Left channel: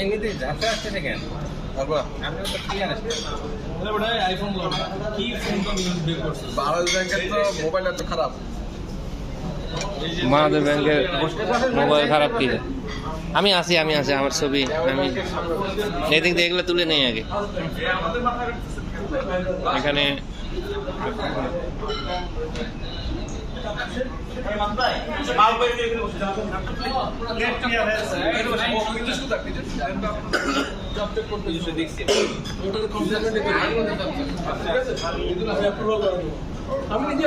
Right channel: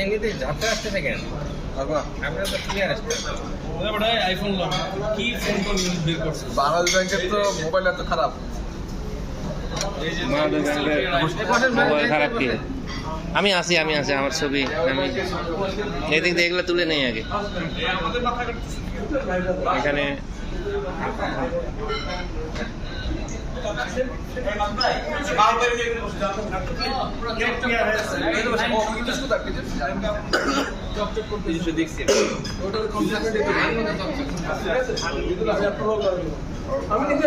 এমনিতে ঝাপসা আসতেছে কেন? আপনার তো ক্লিয়ার আসছে। আইফোন কি ফোন তো বের করছে? বাংলাদেশ ব্যাংকের তো মোবাইল এত খারাপ। বাংলাদেশ ব্যাংকের মোবাইল খারাপ কি? আমি আছি আমার ছবি আমি এদিক দিয়ে এগুলো তুলে নেই আগে এখানে আমি নিজে